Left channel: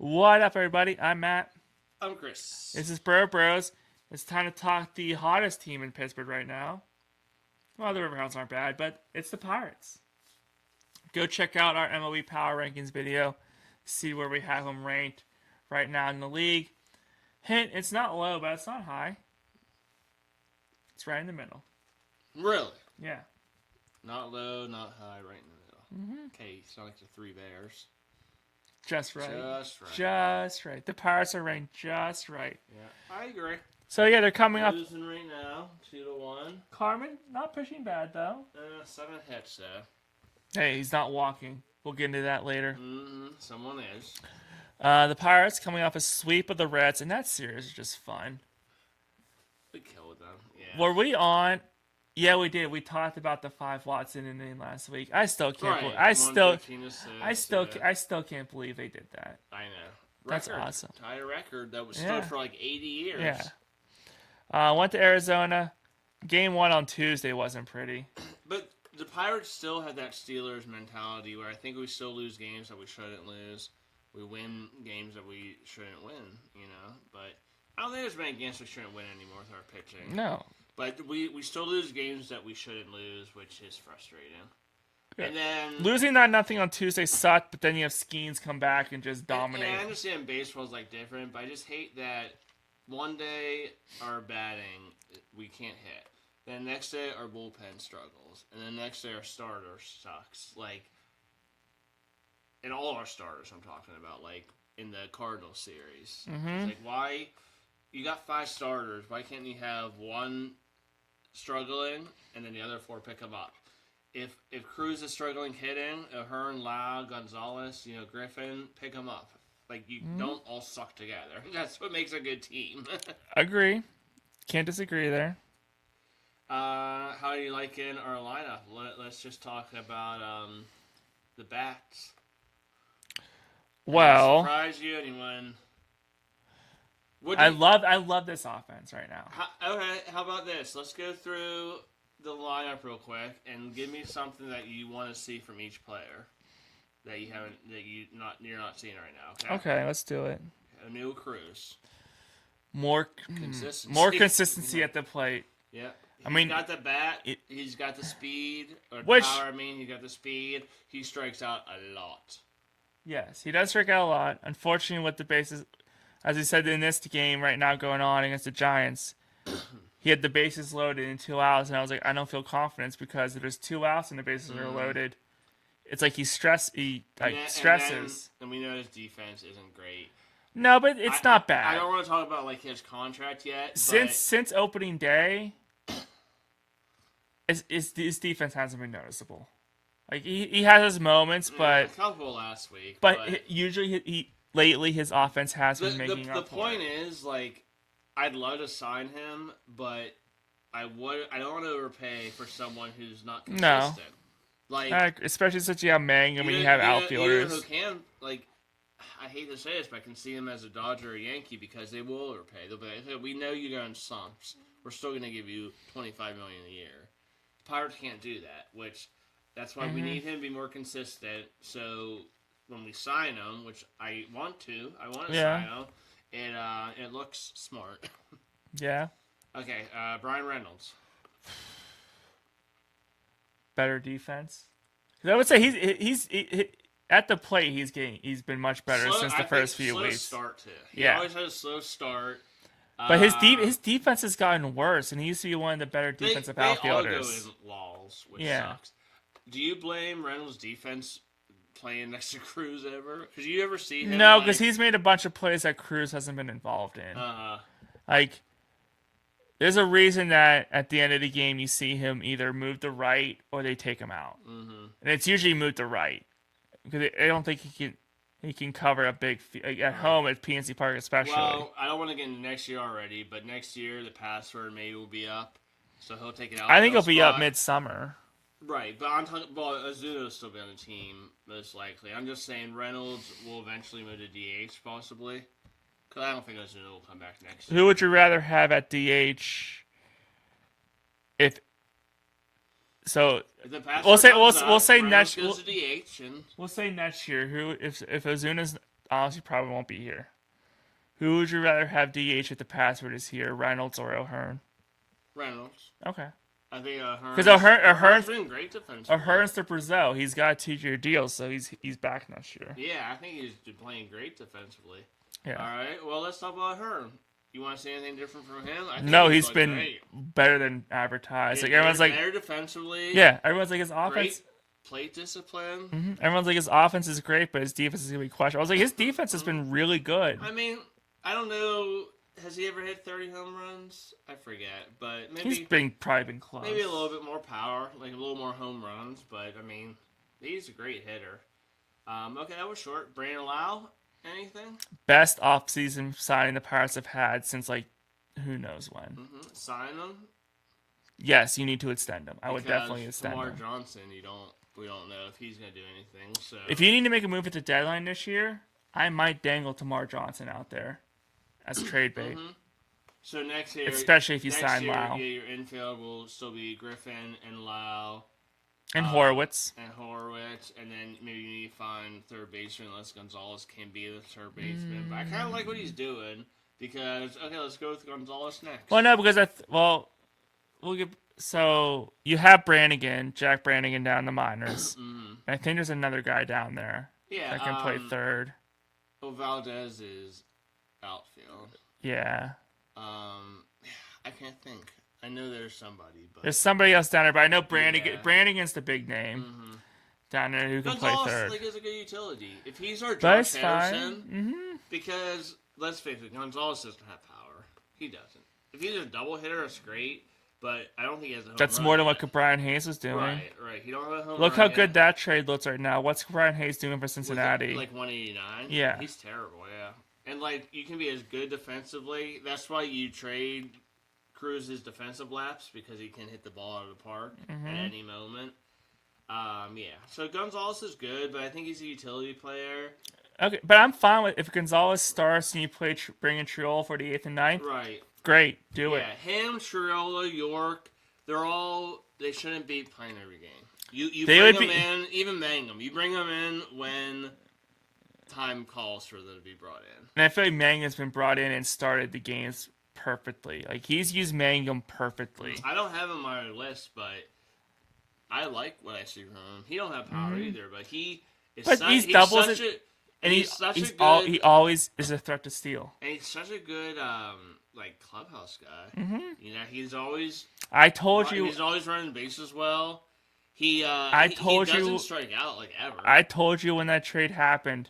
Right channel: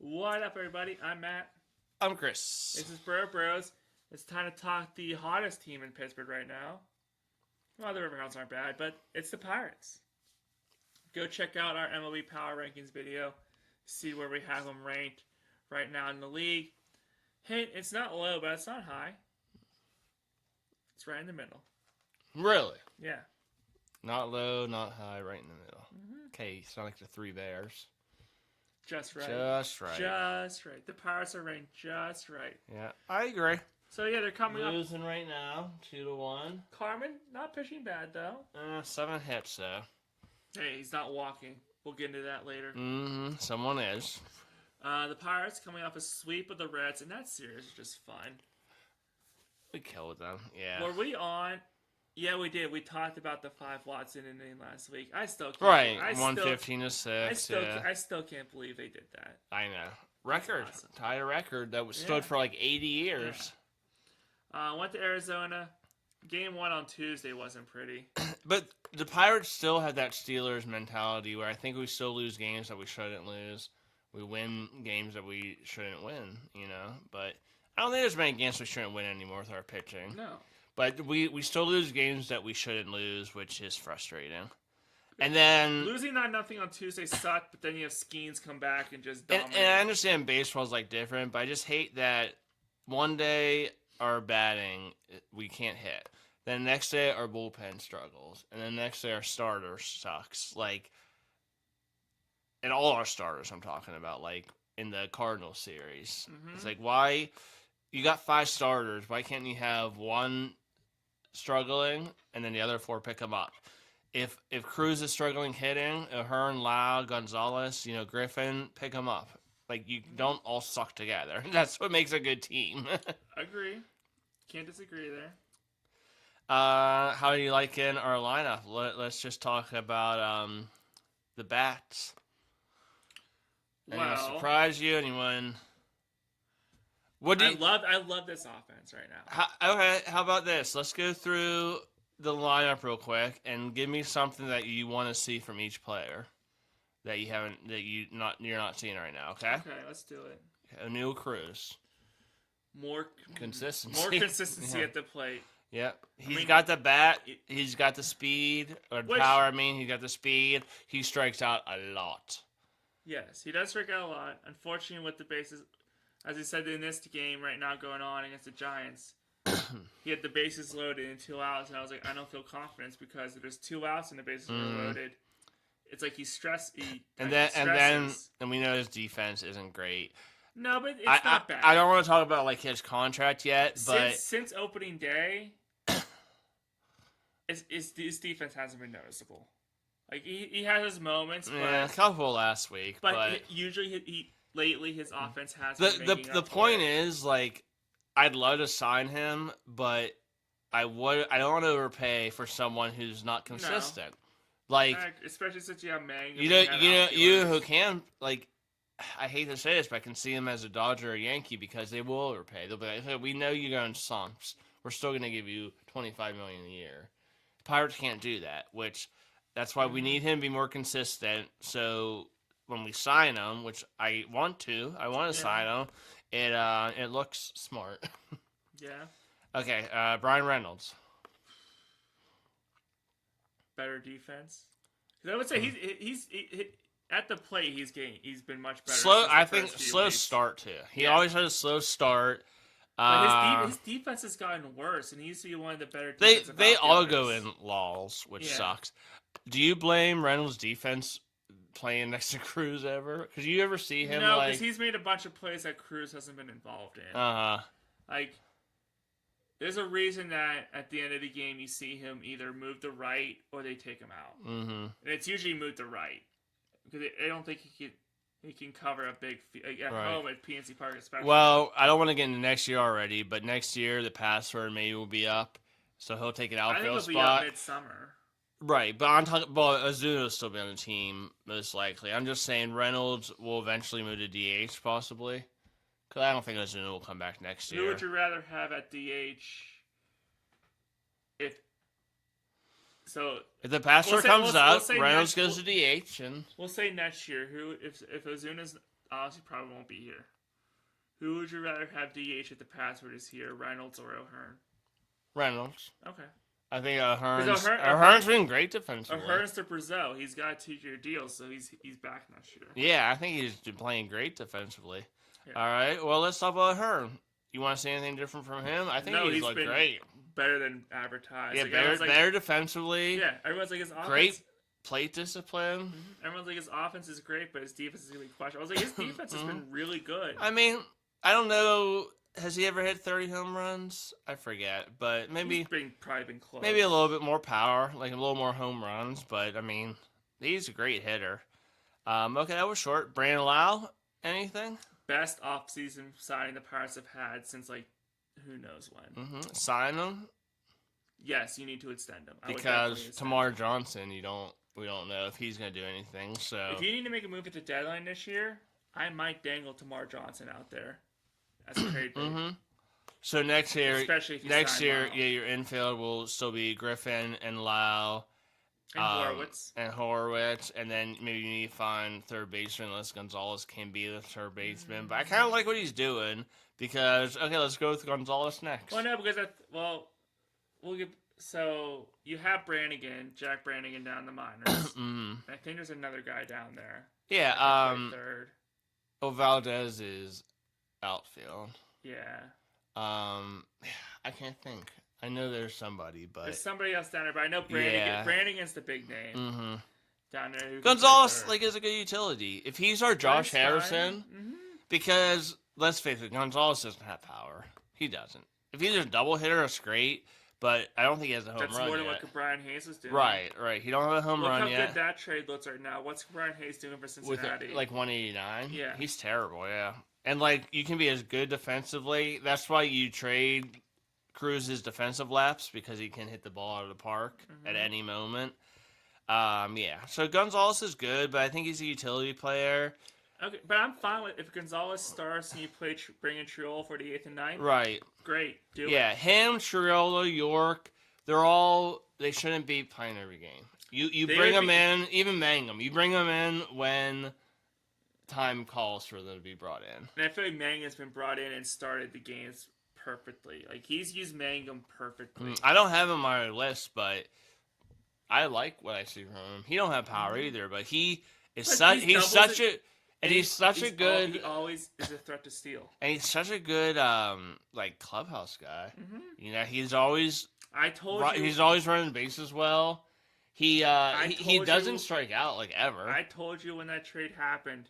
What up, everybody? I'm Matt. I'm Chris. This is Bro Bros. It's time to talk the hottest team in Pittsburgh right now. Well, the Riverhounds aren't bad, but it's the Pirates. Go check out our MLB Power Rankings video. See where we have them ranked right now in the league. Hint, it's not low, but it's not high. It's right in the middle. Really? Yeah. Not low, not high, right in the middle. Okay, it's not like the Three Bears. Just right. Just right. Just right. The Pirates are ranked just right. Yeah, I agree. So, yeah, they're coming up. Losing right now, 2-1. Carmen, not pitching bad, though. 7 hits, though. Hey, he's not walking. We'll get into that later. Someone is. The Pirates coming off a sweep of the Reds, and that series is just fun. We killed them, yeah. Were we on? Yeah, we did. We talked about the 5 Watson inning last week. I still can't. Right, I still 115-6. I still can't believe they did that. I know. That's Record. awesome. Tied a record that was stood for like 80 years. Yeah. Went to Arizona. Game 1 on Tuesday wasn't pretty. But the Pirates still have that Steelers mentality where I think we still lose games that we shouldn't lose. We win games that we shouldn't win, But I don't think there's many games we shouldn't win anymore with our pitching. No. But we still lose games that we shouldn't lose, which is frustrating. And then losing that nothing on Tuesday sucked, but then you have Skeens come back and just dominate. And I understand baseball's like different, but I just hate that one day our batting we can't hit. Then the next day our bullpen struggles, and then the next day our starter sucks. And all our starters I'm talking about, like in the Cardinals series. It's like, why you got 5 starters? Why can't you have one struggling and then the other 4 pick them up? If Cruz is struggling hitting, Ahern, Lowe, Gonzalez, Griffin, pick them up. Like, you don't all suck together. That's what makes a good team. Agree. Can't disagree there. How do you like in our lineup? Let's just talk about the bats. Well, surprise you? Anyone? I love this offense right now. How about this? Let's go through the lineup real quick and give me something that you want to see from each player that you're not seeing right now. Okay. Okay, let's do it. Emil Cruz. More consistency. More consistency at the plate. Yep. He's got the bat. He's got the speed or power. He's got the speed. He strikes out a lot. Yes, he does strike out a lot. Unfortunately, with the bases, as he said in this game right now going on against the Giants, he had the bases loaded in 2 outs, and I was like, I don't feel confidence because if there's 2 outs and the bases are loaded, it's like he stresses. And we know his defense isn't great. No, but it's not bad. I don't want to talk about like his contract yet. Since opening day, his defense hasn't been noticeable. Like he has his moments, but a couple last week. But usually lately his offense has been making up. The point is, like, I'd love to sign him, but I don't want to overpay for someone who's not consistent. No. Like, especially since you have Mangum and you have outfielders. You know who can, like, I hate to say this, but I can see him as a Dodger or a Yankee because they will overpay. They'll be like, hey, we know you're going sumps. We're still going to give you $25 million a year. The Pirates can't do that, which that's why we need him to be more consistent. So when we sign him, which I want to sign him, it looks smart. Yeah. Okay, Brian Reynolds. Better defense. I would say he's at the plate. He's been much better since the first few weeks. Slow start too. He always had a slow start. But his defense has gotten worse, and he used to be one of the better defensive outfielders. They all go in lulls, which sucks. Do you blame Reynolds' defense playing next to Cruz ever? Because you ever see him? No, because he's made a bunch of plays that Cruz hasn't been involved in. Like, there's a reason that at the end of the game you see him either move to right or they take him out, and it's usually move to right because I don't think he can cover a big at home at PNC Park especially. Well, I don't want to get into next year already, but next year the password maybe will be up, so he'll take it out. I think he'll be up midsummer. Right, but I'm talking about Ozuna will still be on the team, most likely. I'm just saying Reynolds will eventually move to DH, possibly. Because I don't think Ozuna will come back next year. Who would you rather have at DH? If the password comes up, we'll say Reynolds goes to DH. We'll say next year. If Ozuna's honestly probably won't be here. Who would you rather have DH if the password is here, Reynolds or O'Hearn? Reynolds. Okay. I think Because O'Hearn's been great defensively. O'Hearn's the Brazil. He's got a 2-year deal, so he's back next year. Yeah, I think he's been playing great defensively. Yeah. All right, well, let's talk about O'Hearn. You want to see anything different from him? I think No, he's he's been great. better than advertised. Yeah, like better, everyone's like, better defensively. yeah, everyone's like his offense. Great plate discipline. Mm-hmm. Everyone's like his offense is great, but his defense is gonna be questionable. I was like, his defense has been really good. I mean, I don't know. Has he ever hit 30 home runs? I forget, but maybe He's probably been close. maybe a little bit more power, like a little more home runs. But I mean, he's a great hitter. Okay, that was short. Brandon Lowe, anything? Best offseason signing the Pirates have had since like who knows when. Sign him Yes, you need to extend him. I would definitely because extend Tamar him. Johnson, we don't know if he's gonna do anything. So If you need to make a move at the deadline this year, I might dangle Tamar Johnson out there as trade bait. So next year, Especially if you next sign year, Lowe. yeah, your infield will still be Griffin and Lowe. And Horowitz. And then maybe you need to find third baseman unless Gonzalez can be the third baseman. But I kind of like what he's doing because, okay, let's go with Gonzalez next. Well, no, because we'll get. So you have Brannigan, Jack Brannigan down in the minors. And I think there's another guy down there Yeah, that can play third. Oh, Valdez is outfield. Yeah. I can't think. I know there's somebody, but There's somebody else down there, but I know Brannigan. Yeah. Brannigan's the big name down there who can Gonzalez play third. is a good utility. If he's our But Josh it's fine. Harrison, because let's face it, Gonzalez doesn't have power. He doesn't. If he's a double hitter, it's great. But I don't think he has a home That's run more than yet. what Brian Hayes was doing. Right. He don't have a home Look run how yet. good that trade looks right now. What's Brian Hayes doing for With Cincinnati? like 189. Yeah. He's terrible. Yeah. And like you can be as good defensively. That's why you trade Cruz's defensive laps because he can hit the ball out of the park at any moment. Yeah. So Gonzalez is good, but I think he's a utility player. Okay, but I'm fine with if Gonzalez starts and you bring in Triol for the 8th and 9th. Right. Great, do it. Yeah. Him, Triolo, York. They shouldn't be playing every game. You bring them in, even Mangum. You bring them in when time calls for them to be brought in. And I feel like Mangum's been brought in and started the games perfectly. Like he's used Mangum perfectly. I don't have him on my list, but I like what I see from him. He don't have power either, but he is But such. He's such a. And he's such a good. He always is a threat to steal. And he's such a good like clubhouse guy. You know, he's always. I told you. He's always running bases well. He doesn't strike out like ever. I told you when that trade happened.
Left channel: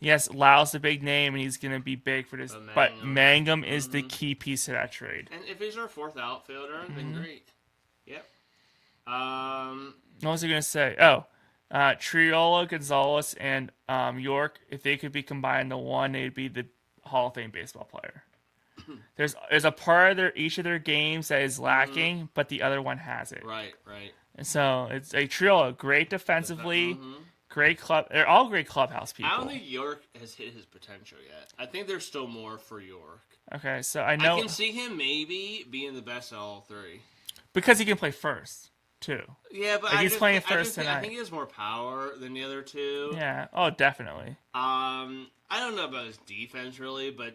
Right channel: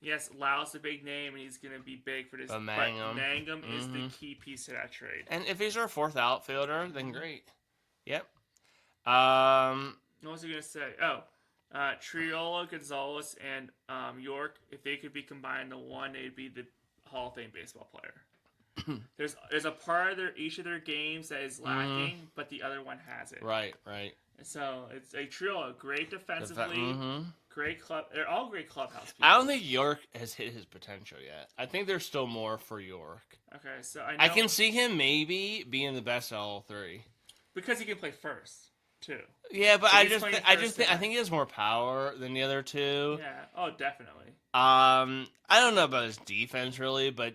Yes, Lau's a big name and he's gonna be big for this. But Mangum is the key piece of that trade. And if he's our fourth outfielder, then great. Yep. What was I gonna say? Oh, Triolo, Gonzalez, and York. If they could be combined into one, they'd be the Hall of Fame baseball player. There's a part of each of their games that is lacking, but the other one has it. Right. And so it's a Triolo, great defensively, great club. They're all great clubhouse people. I don't think York has hit his potential yet. I think there's still more for York. Okay, so I know I can see him maybe being the best of all three because he can play first too. Yeah, but Like I think he has more power than the other two. Yeah. Oh, definitely. I don't know about his defense really, but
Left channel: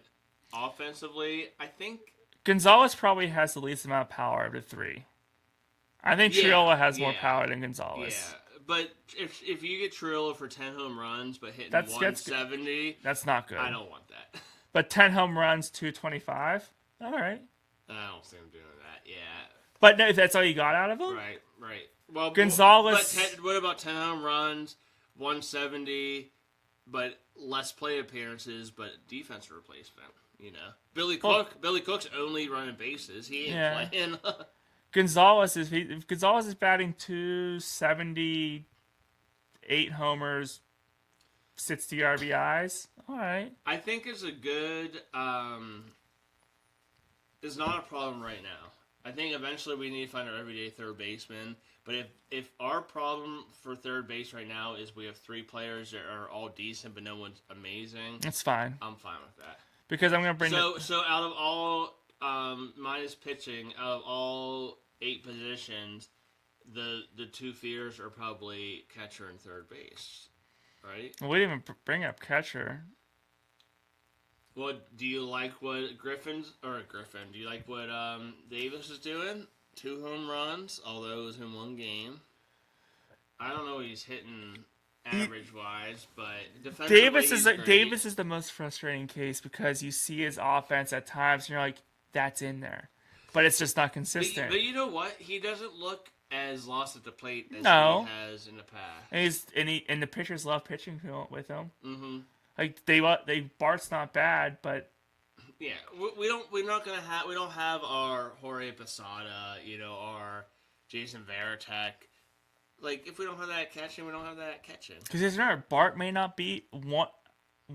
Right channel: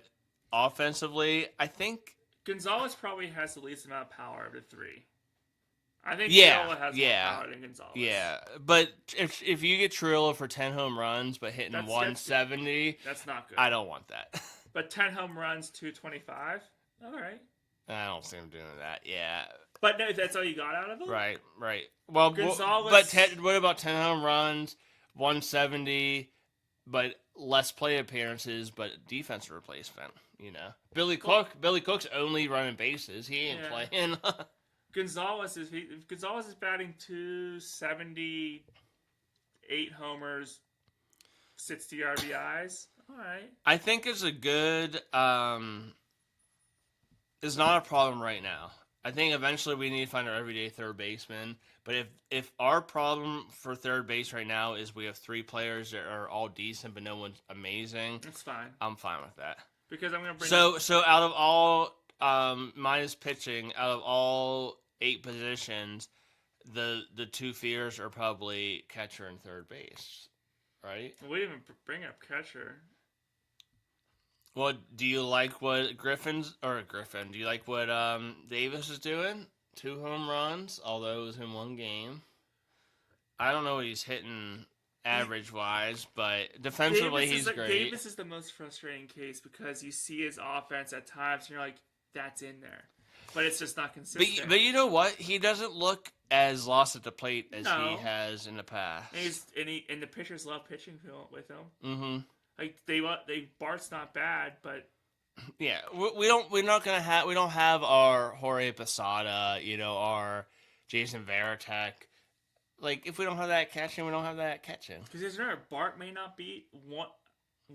offensively, I think Gonzalez probably has the least amount of power of the three. I think Triolo has more power than Gonzalez. Yeah, but if you get Triolo for 10 home runs but hitting 170, that's not good. I don't want that. But 10 home runs, 225. All right. I don't see him doing that. Yeah. But no, if that's all you got out of him, right. Well, Gonzalez. But what about 10 home runs, 170, but less plate appearances, but defense replacement? You know, Billy Cook's only running bases. He ain't playing. Gonzalez is batting 278 homers, 60 RBIs. All right. I think it's a good. It's not a problem right now. I think eventually we need to find our everyday third baseman. But if our problem for third base right now is we have three players that are all decent but no one's amazing, that's fine. I'm fine with that. Because I'm gonna bring so out of all minus pitching, out of all 8 positions, the two fears are probably catcher and third base, right? We didn't even bring up catcher. What do you like? What Griffin? Do you like what Davis is doing? 2 home runs, although it was in one game. I don't know what he's hitting average wise, but defensively he's great. Davis is the most frustrating case because you see his offense at times and you're like, that's in there, but it's just not consistent. But you know what? He doesn't look as lost at the plate as he has in the past. And the pitchers love pitching with him. Mm-hmm. Like Bart's not bad, but yeah, we don't have our Jorge Posada, our Jason Varitek. Like, if we don't have that catching, we don't have that catching. Because remember, Bart may not be one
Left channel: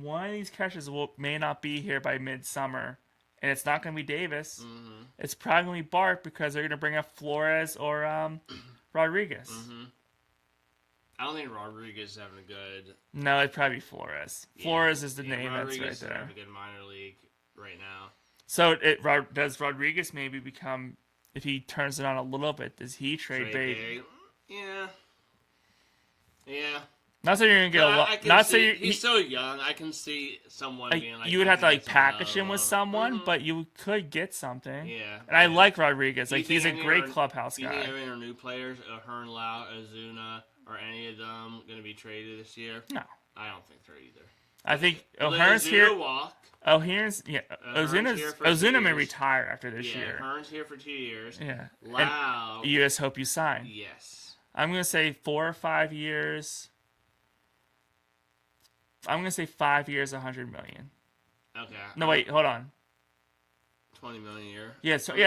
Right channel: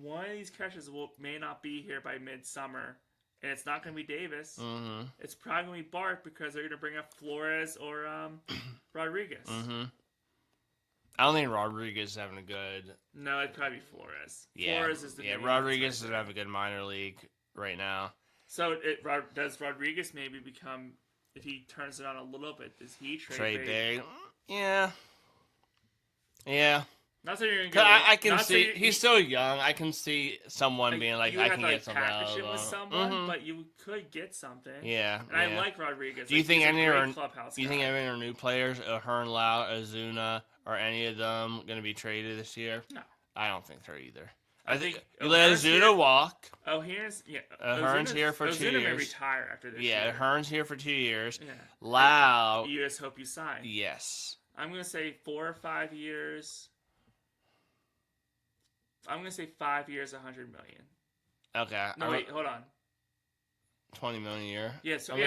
of these catchers may not be here by midsummer, and it's not going to be Davis. Mm-hmm. It's probably going to be Bart because they're going to bring up Flores or Rodriguez. Mm-hmm. I don't think Rodriguez is having a good. No, it'd probably be Flores. Yeah. Flores is the name. Rodriguez doesn't have a good minor league right now. So does Rodriguez maybe become, if he turns it on a little bit, does he trade big? Yeah. Yeah. Not saying you're gonna get he's still young. I can see someone being like, you would have to package him with someone, but you could get something. Yeah. And I like Rodriguez. Like, he's a great clubhouse guy. You think any of our new players, Hearn, Lowe, Ozuna, are any of them going to be traded this year? No. I don't think they're either. I think Ozuna here. Walk. Ozuna may retire after this year. Yeah, Hearn's here for 2 years. Yeah. Lowe. You just hope you sign. Yes. I'm going to say 4 or 5 years. I'm going to say 5 years, $100 million. Okay. No, wait, hold on. $20 million a year? Yeah, sorry,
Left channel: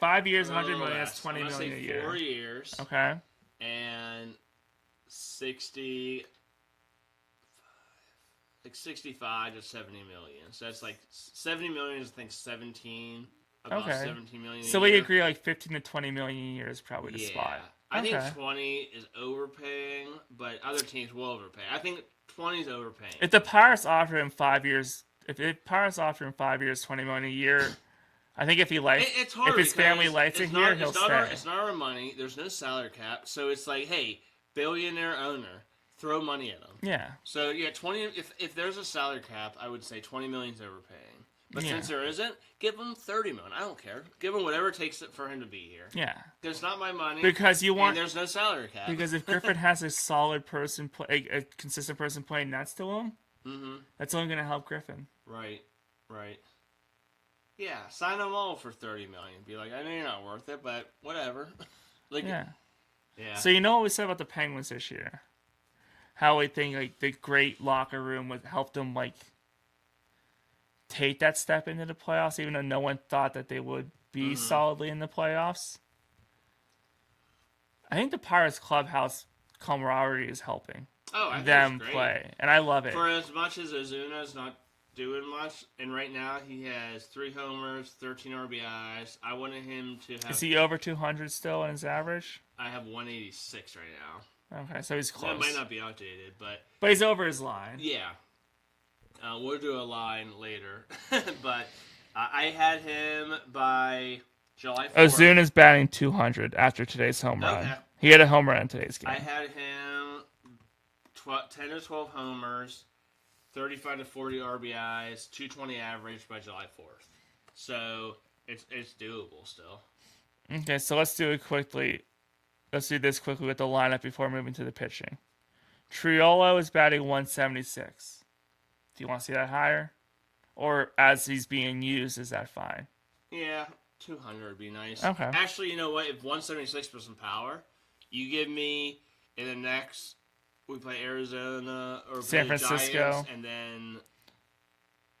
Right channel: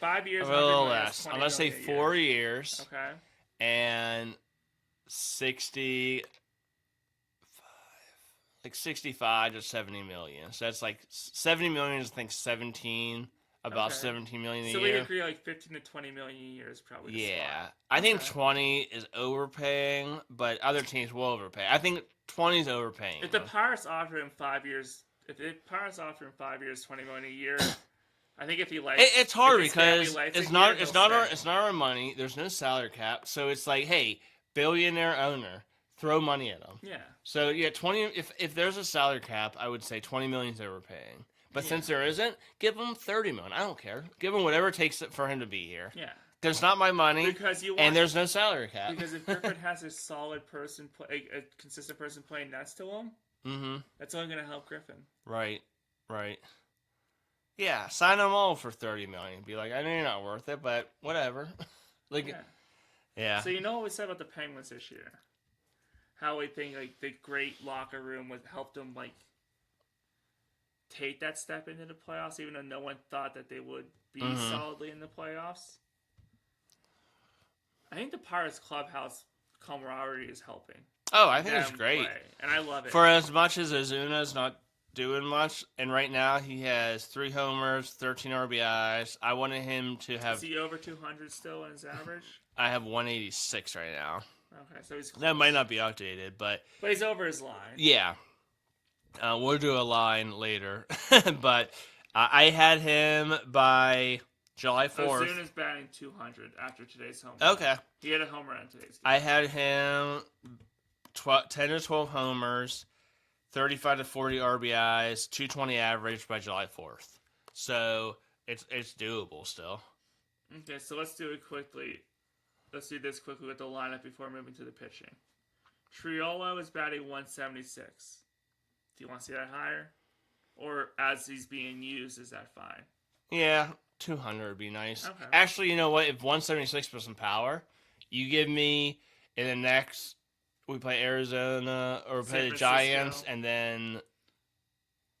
5 years, $100 million is $20 million. I'm going to say 4 years. Okay. And 65 to 70 million. So that's like 70 million is, I think, 17 million a year. So we agree like 15 to 20 million a year is probably the spot. I think 20 is overpaying, but other teams will overpay. I think 20 is overpaying. If the Pirates offer him 5 years, $20 million a year, I think if he likes, it's hard if his because family likes it's not our money. There's no salary cap, so it's like, hey, billionaire owner, throw money at them. Yeah. So 20. If there's a salary cap, I would say 20 million is overpaying. But since there isn't, give him 30 million. I don't care. Give him whatever it takes for him to be here. Yeah. Because it's not my money. And there's no salary cap. Because if Griffin has a solid person, a consistent person playing next to him, that's only going to help Griffin. Right. Yeah, sign them all for 30 million. Be like, I know you're not worth it, but whatever. Yeah. So you know what we said about the Penguins this year? How we think like the great locker room would help them take that step into the playoffs, even though no one thought that they would be solidly in the playoffs. I think the Pirates clubhouse camaraderie is helping. Oh, I think it's great. Play, and I love it. For as much as Ozuna's not doing much, and right now he has 3 homers, 13 RBIs. I wanted him to have. Is he over 200 still in his average? I have 186 right now. Okay, so he's close. That might not be outdated, but he's over his line. Yeah, we'll do a line later, but I had him by July 4th. Ozuna's batting 200 after today's home run. Okay, he had a home run in today's game. I had him 10 to 12 homers. 35 to 40 RBIs, 220 average by July 4th. So it's doable still. Okay, so let's do it quickly. Let's do this quickly with the lineup before moving to the pitching. Triolo is batting 176. Do you want to see that higher? Or as he's being used, is that fine? Yeah, 200 would be nice. Okay. Actually, you know what? If 176 was some power, you give me in the next... We play Arizona or San play the Giants, and then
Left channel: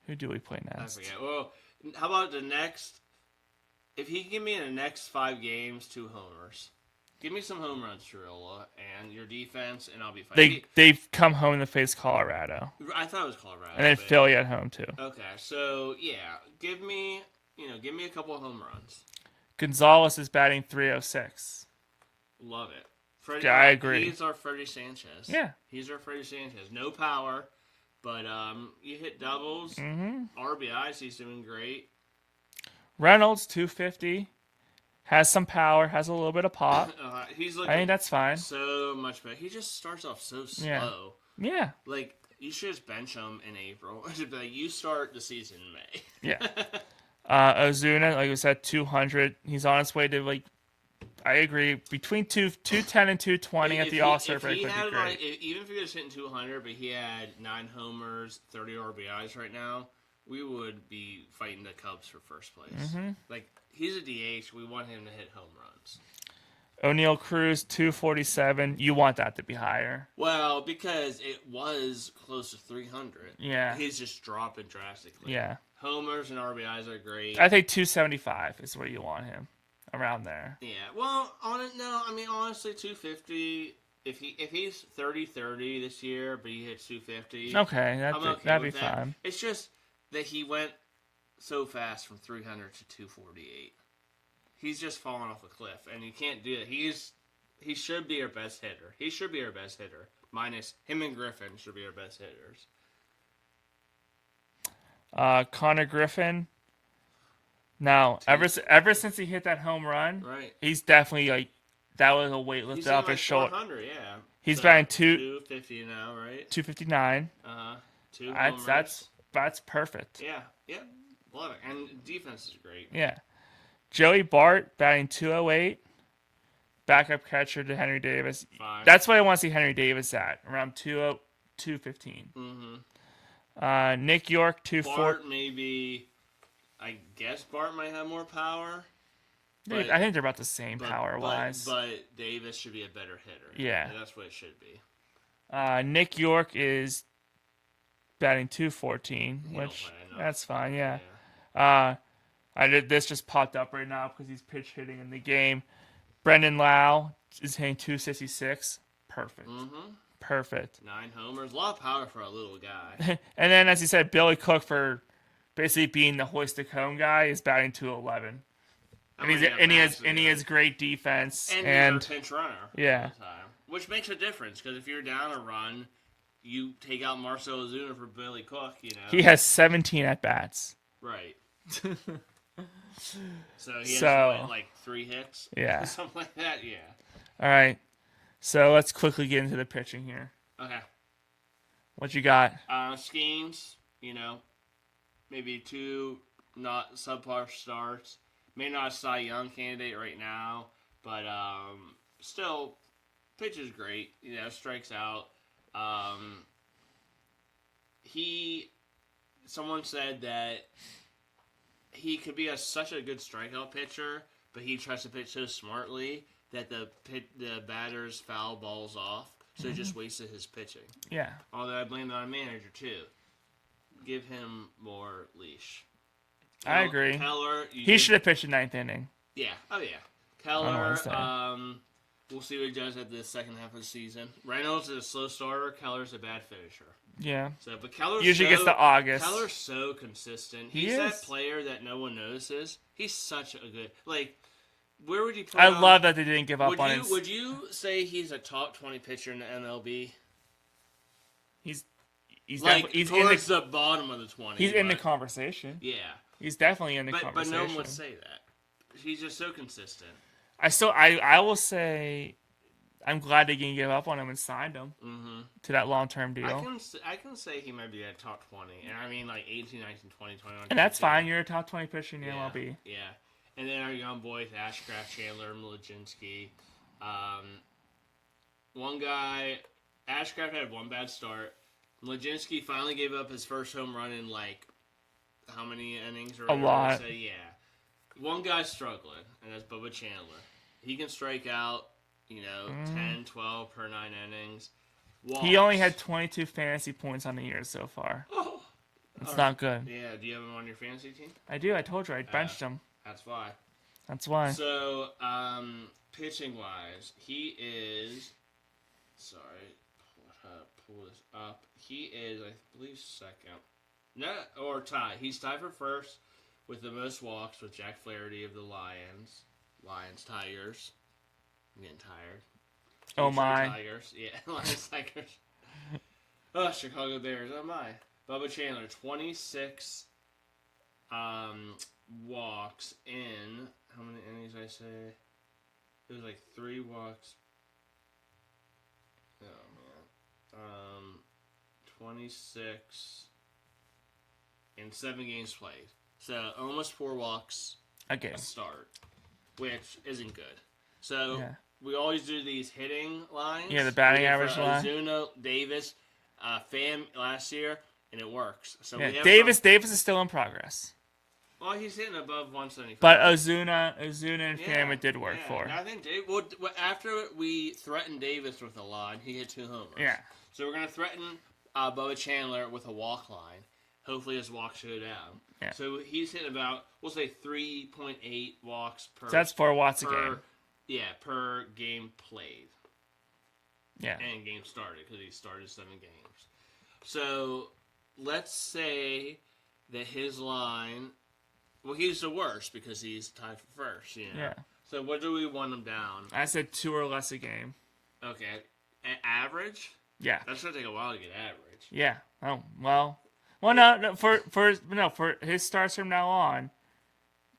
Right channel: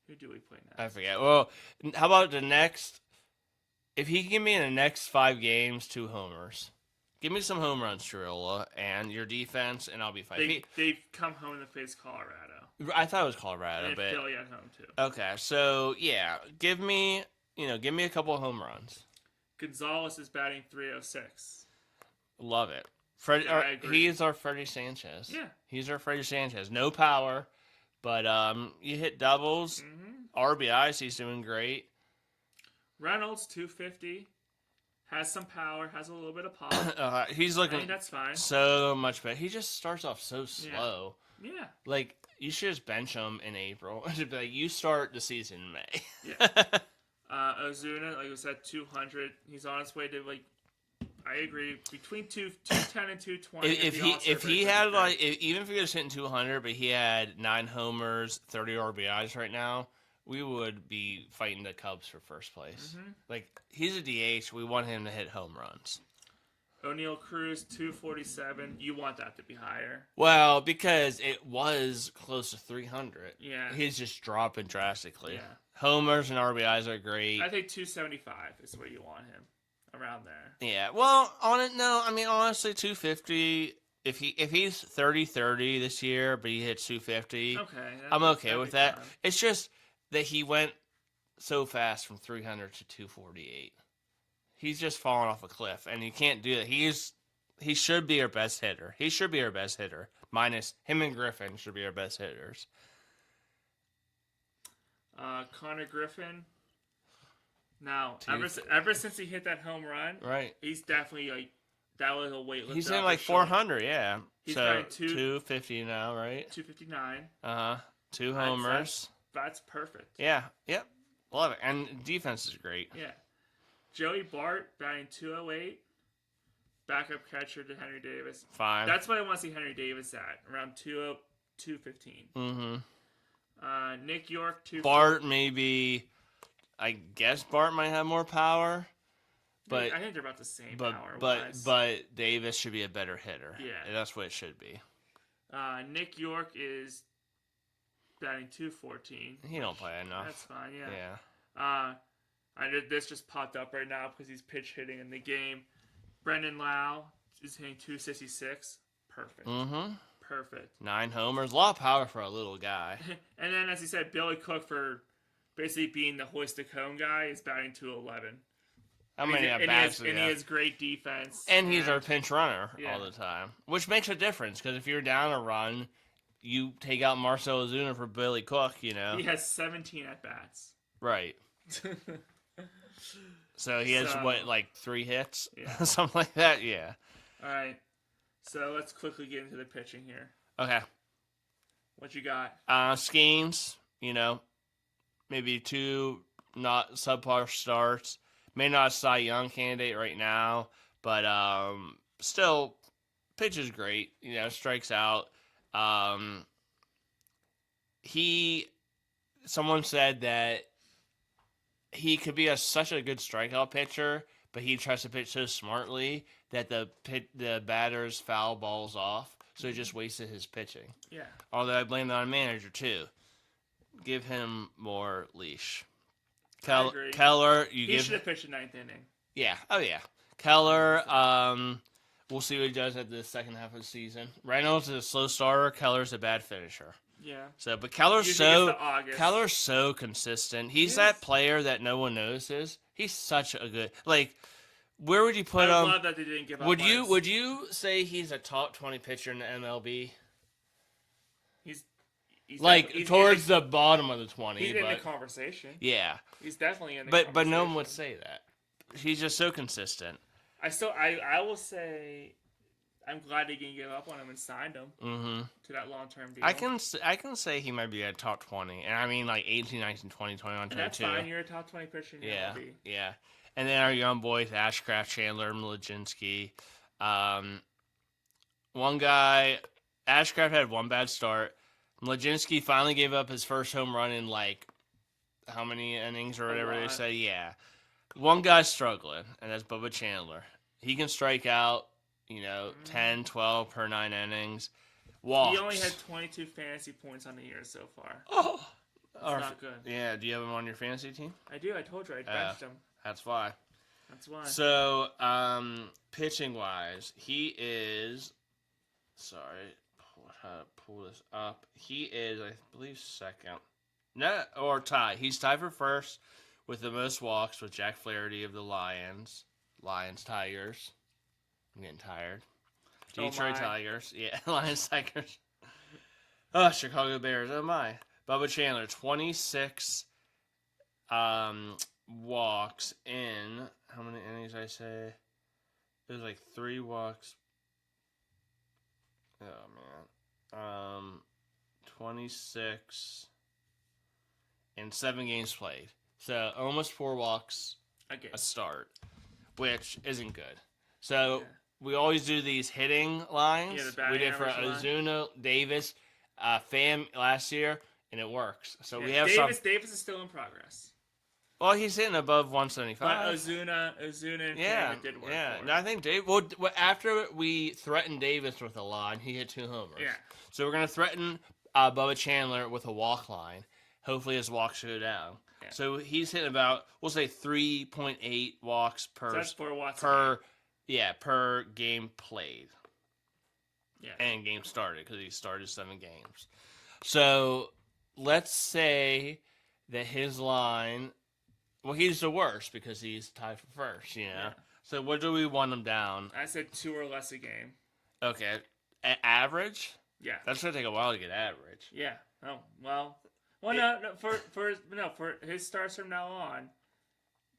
who do we play next? I forget. Well, how about the next? If he can give me in the next 5 games 2 homers, give me some home runs, Triola, and your defense, and I'll be fine. They've come home to face Colorado. I thought it was Colorado, and then Philly at home too. Okay, so yeah, give me a couple of home runs. Gonzalez is batting 306. Love it. I agree. He's our Freddie Sanchez. Yeah. He's our Freddie Sanchez. No power, but you hit doubles. RBIs, he's doing great. Reynolds, 250. Has some power. Has a little bit of pop. He's looking. I think that's fine. So much better. He just starts off so slow. Yeah. Like, You should just bench him in April. Just be like, you start the season in May. Yeah. Ozuna, like we said, 200. He's on his way to like. I agree. Between 210 and 220 at the All-Star If break he would had be like, great. even if he was hitting 200, but he had 9 homers, 30 RBIs right now, we would be fighting the Cubs for first place. Like, he's a DH. We want him to hit home runs. O'Neal Cruz, 247. You want that to be higher. Well, because it was close to 300. Yeah. He's just dropping drastically. Yeah. Homers and RBIs are great. I think 275 is where you want him. Around there. Yeah. Well, honestly, 250. If he's 30-30 this year, but he hits 250, Okay. I'm okay with that. Fine. It's just that he went so fast from 300 to 248. He's just falling off a cliff, and you can't do that. He should be our best hitter. He should be our best hitter. Minus him and Griffin should be our best hitters. Connor Griffin. Now, ever since he hit that home run, right? He's definitely like that was a weight lifted up his shoulder. 400, yeah. He's batting 250 now, right? 259. 2 homers. That's perfect. Yeah. Yep. Love it. And defense is great. Yeah. Joey Bart batting 208. Backup catcher to Henry Davis. Fine. That's what I want to see Henry Davis at, around 215. Mm-hmm. Nick York, 240. Bart maybe. I guess Bart might have more power. But I think they're about the same power-wise. But Davis should be a better hitter. Yeah. That's what it should be. Nick York is batting 214. He don't play enough. That's fine, yeah. This just popped up right now because he's pitch hitting in the game. Brendan Lowe is hitting 266. Perfect. Mm-hmm. Perfect. 9 homers. A lot of power for a little guy. And then, as you said, Billy Cook, for basically being the hoist it home guy, is batting 211. And he has great defense. And he's our pinch runner all the time. Which makes a difference, because if you're down a run, you take out Marcell Ozuna for Billy Cook, you know. He has 17 at-bats. Right. So he has, like 3 hits? Yeah. Something like that? Yeah. All right. So let's quickly get into the pitching here. Okay. What you got? Skeens, maybe 2 not subpar starts. May not a Cy Young candidate right now, but still, pitches great. Strikes out. Someone said that he could be such a good strikeout pitcher, but he tries to pitch so smartly that the batter's foul balls off, so he just wasted his pitching. Yeah. Although I blame that on manager too. Give him more leash. I agree. Keller, he should have pitched the 9th inning. Yeah. Oh yeah. Keller. We'll see what he does at the second half of the season. Reynolds is a slow starter. Keller's a bad finisher. Yeah. But Keller's usually gets to August. Keller's so consistent. He's that player that no one notices. He's such a good Where would you put him? I love that they didn't give up on him. Would you say he's a top 20 pitcher in the MLB? He's like towards the bottom of the 20. He's in the conversation. Yeah. He's definitely in the conversation. But no one would say that. He's just so consistent. I will say, I'm glad they didn't give up on him and signed him to that long-term deal. I can say he might be a top 20. And I mean like 18, 19, 20, 21, and that's fine. You're a top 20 pitcher in the MLB. Yeah. And then our young boys, Ashcraft, Chandler, Mlodzinski. One guy, Ashcraft had one bad start. Mlodzinski finally gave up his first home run in like how many innings or whatever? A lot. Say, yeah. One guy's struggling, and that's Bubba Chandler. He can strike out, 10, 12 per 9 innings. Walks. He only had 22 fantasy points on the year so far. Oh! That's not good. Yeah, do you have him on your fantasy team? I do. I told you. I benched him. That's why. So, pitching-wise, he is... Sorry. Pull this up. He is, I believe, second. No, or tie. He's tied for first with the most walks with Jack Flaherty of the Lions. Tigers. I'm getting tired. Oh, my. Tigers. Yeah, Lions, Tigers. Oh, Chicago Bears. Oh, my. Bubba Chandler, 26 walks in. How many innings did I say? It was like 3 walks. Oh, man. 26 in 7 games played. So almost 4 walks Okay. a start, which isn't good. So Yeah. we always do these hitting lines. Yeah, the batting We did average for line. Ozuna, Davis, Pham last year, and it works. So Yeah. we have Davis is still in progress. Well, he's hitting above 175. But Ozuna and Pham it did work for. And I think after we threatened Davis with a line, he hit 2 homers. Yeah. So we're gonna threaten Bubba Chandler with a walk line. Hopefully his walks go down. Yeah. So he's hitting about, we'll say 3.8 walks per. So that's 4 watts a game. Yeah, per game played. Yeah. And game started, because he started 7 games. So let's say that his line, well, he's the worst because he's tied for first, you know. Yeah. So what do we want him down? I said 2 or less a game. Okay. Average? Yeah. That's going to take a while to get average. Yeah. Oh, well. Well, no, for his starts from now on,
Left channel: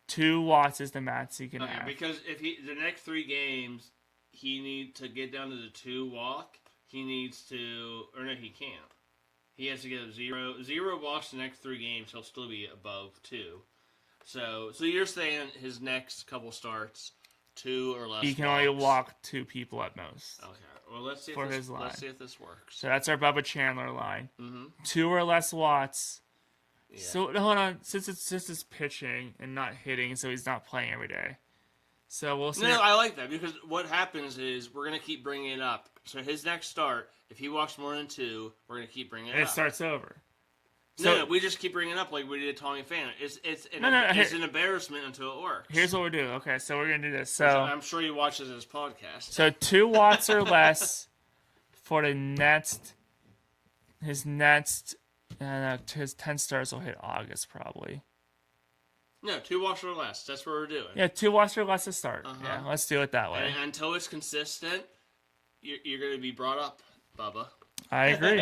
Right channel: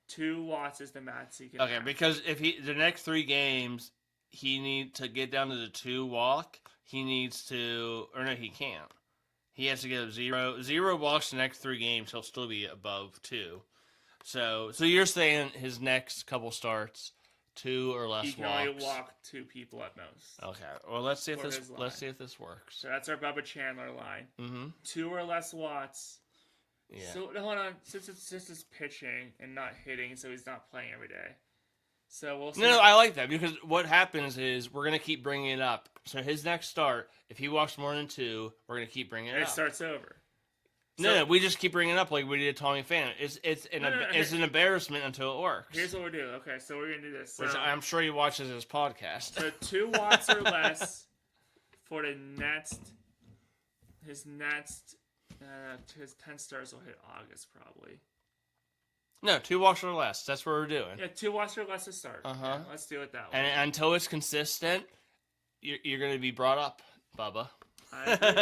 2 watts is the max he can have. Because if the next 3 games, he needs to get down to the 2 walk, he needs to, or no, he can't. He has to get 0 walks the next 3 games, he'll still be above 2. So you're saying his next couple starts, 2 or less. He can walks. only walk 2 people at most. Okay. Well, let's see if For this his line. works. So that's our Bubba Chandler line. Mm-hmm. 2 or less watts. Yeah. So hold on, since it's pitching and not hitting, so he's not playing every day. So we'll see. No, I like that because what happens is we're gonna keep bringing it up. So his next start, if he walks more than 2, we're gonna keep bringing it up. It starts over. No, we just keep bringing it up like we did Tommy Pham. It's an embarrassment until it works. Here's what we're doing. Okay, so we're gonna do this. So I'm sure he watches his podcast. So 2 watts or less for the next. His 10 stars will hit August probably. No, 2 walks or less. That's what we're doing. Yeah, 2 watts or less to start. Yeah, let's do it that way. And until it's consistent, you're going to be brought up, Bubba. I agree.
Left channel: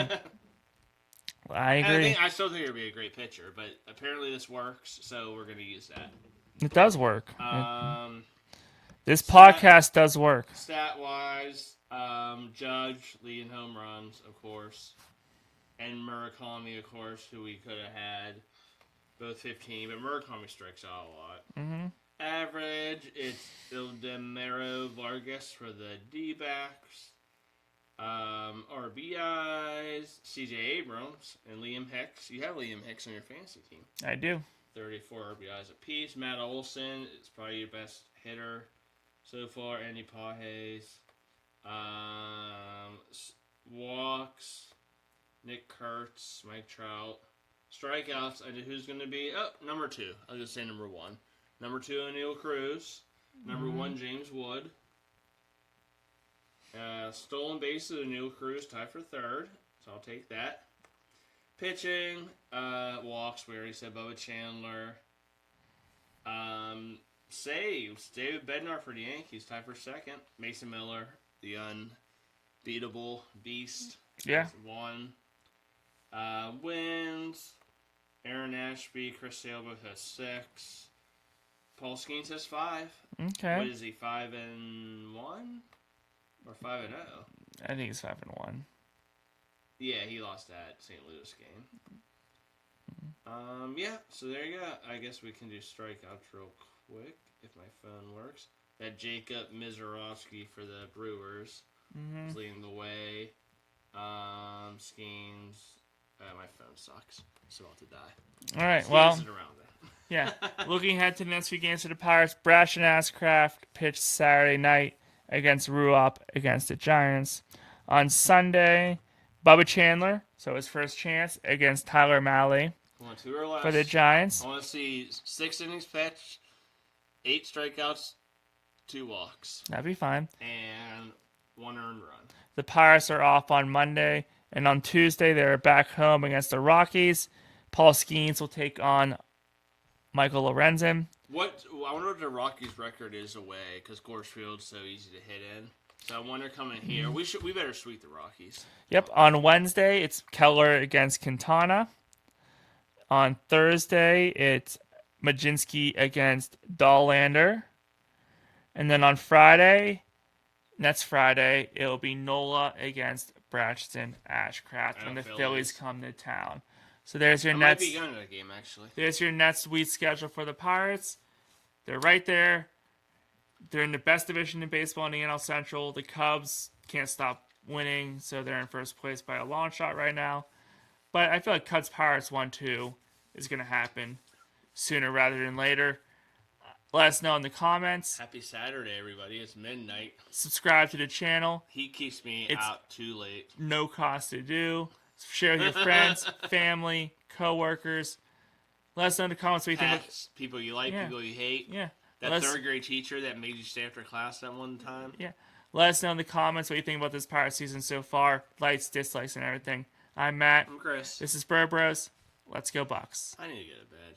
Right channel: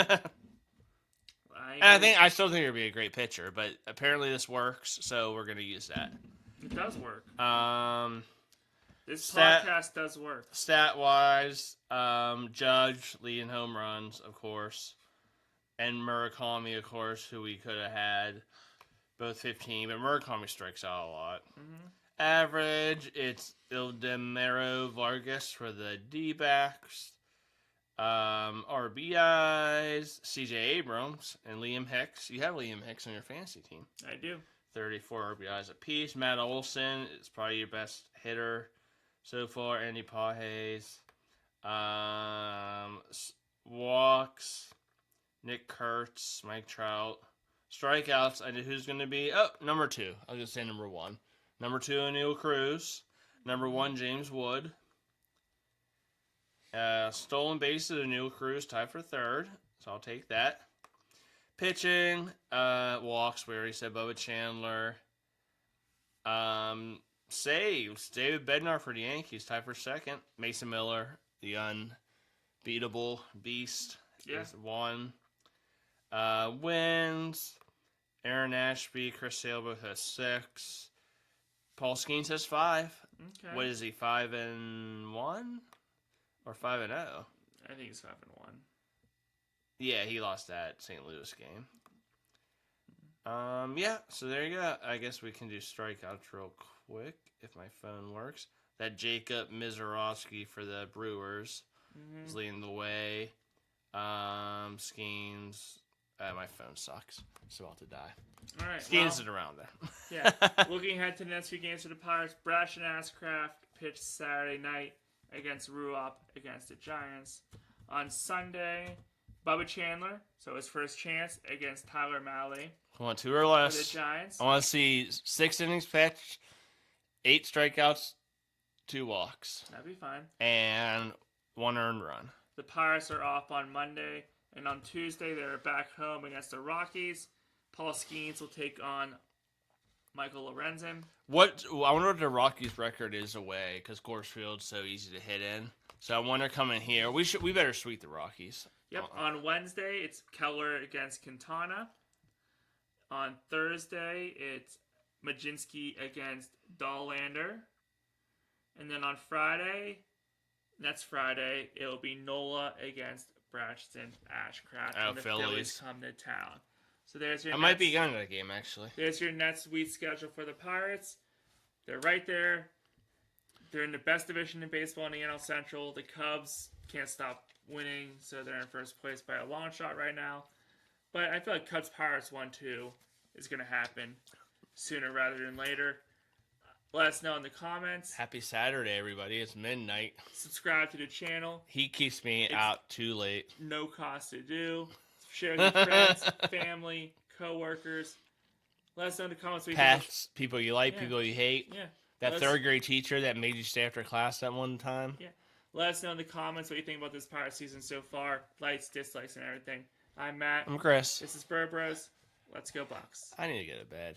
I still think he'll be a great pitcher, but apparently this works, so we're going to use that. It does work. This Stat- podcast does work. Stat-wise, Judge leading home runs, of course, and Murakami, of course, who we could have had, both 15, but Murakami strikes out a lot. Mm-hmm. Average, it's Ildemaro Vargas for the D-backs. RBIs, CJ Abrams, and Liam Hicks. You have Liam Hicks on your fantasy team. I do. 34 RBIs apiece. Matt Olson is probably your best hitter so far. Andy Pages. Walks. Nick Kurtz. Mike Trout. Strikeouts. I know who's going to be. Oh, number 2. I was going to say number 1. Number 2, O'Neal Cruz. Number 1, James Wood. Stolen bases, O'Neal Cruz tied for 3rd, so I'll take that. Pitching, walks, we already said Bubba Chandler. Saves, David Bednar for the Yankees tied for 2nd. Mason Miller, the unbeatable beast, Yeah. 1. Wins, Aaron Ashby, Chris Sale both has 6. Paul Skeens has 5. Okay. What is he, 5-1? Or 5-0? I think it's 5-1. Yeah, he lost that St. Louis game. Yeah, so there you go. I guess we can do strikeouts real quick if my phone works. That Jacob Mizorowski for the Brewers is leading the way. Skeens. My phone sucks. It's about to die. All right, Skeens is around there. Yeah. Looking ahead to the next few games for the Pirates, Brash and Ashcraft pitched Saturday night against Ruop against the Giants. On Sunday, Bubba Chandler, so his first chance, against Tyler Malley I want 2 or less. for the Giants. I want to see 6 innings pitched, 8 strikeouts, 2 walks, That'd be fine. and 1 earned run. The Pirates are off on Monday, and on Tuesday they're back home against the Rockies. Paul Skeens will take on Michael Lorenzen. I wonder what the Rockies' record is away because Coors Field's so easy to hit in. So I wonder coming here, we better sweep the Rockies. Yep, on Wednesday it's Keller against Quintana. On Thursday it's Majinski against Dahlander. And then on Friday, next Friday, it'll be Nola against Bratchton, Ashcraft, Oh, when the Phillies. Phillies come to town. So there's your I Nets. might be going to that game, actually. There's your next week schedule for the Pirates. They're right there. They're in the best division in baseball in the NL Central. The Cubs can't stop winning, so they're in first place by a long shot right now. But I feel like Cubs Pirates 1-2 is going to happen sooner rather than later. Let us know in the comments. Happy Saturday, everybody. It's midnight. Subscribe to the channel. He keeps me out too late. No cost to do. Share with your friends, family, co-workers. Let us know in the comments what you think. Pets, people you like, people you hate. Yeah. That third grade teacher that made you stay after class that one time. Yeah. Let us know in the comments what you think about this Pirate season so far. Likes, dislikes, and everything. I'm Matt. I'm Chris. This is Burbros. Let's go Bucks. I need to get to bed.